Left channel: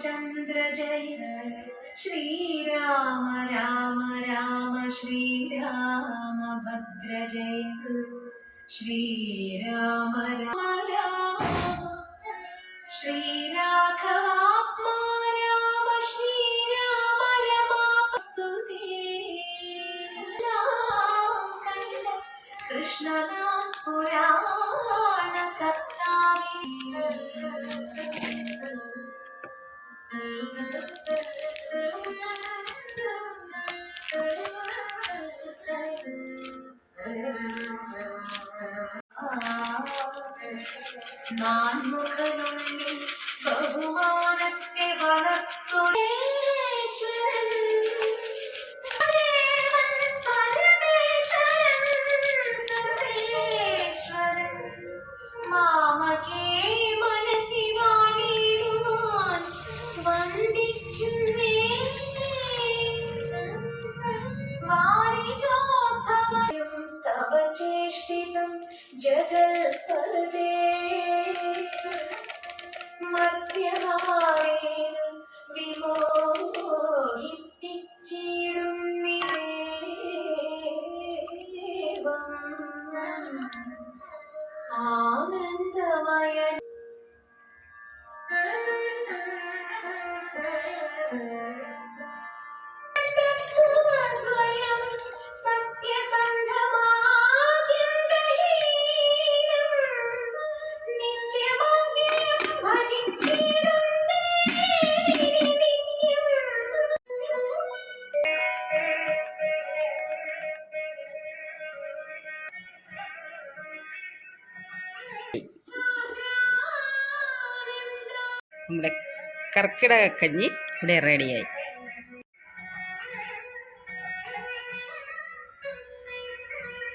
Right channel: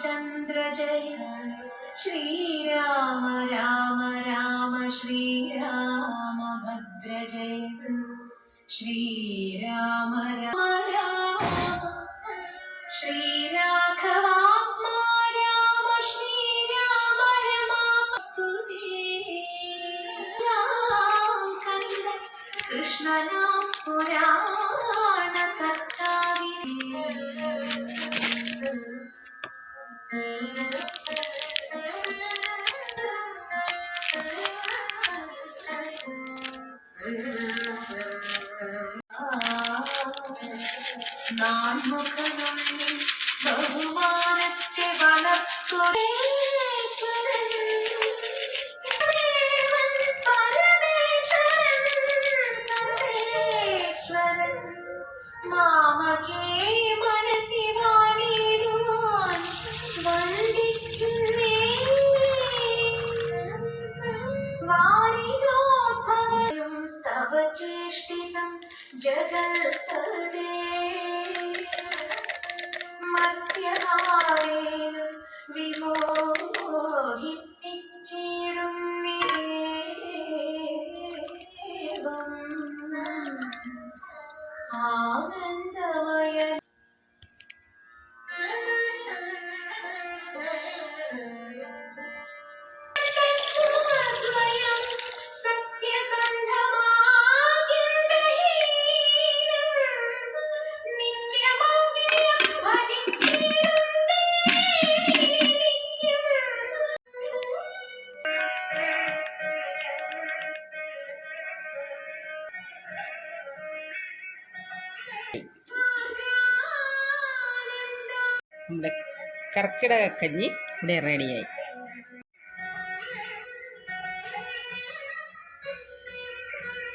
ചന്ദ്ര ജയ ശ്രീരാമ രാമ രാമ ശ്രീരാമ ഭദ്ര ജയ. ശ്രീരാമ രാമ രാമ ശ്രീരാഘവാത്മാ രാമ ശ്രീരാമ രമാസ്തുതേ நான் முகனுள்ளே பகுவானத்தை வளர்த்துறேன் ജഗൽപദേ മധ്യമാവേന വിമോഹിപ്പിച്ചിടുന്നേവം ആനന്ദമയ നമ്മുടെ കർക്കിടക കഞ്ഞി ഇവിടെ റെഡിയായി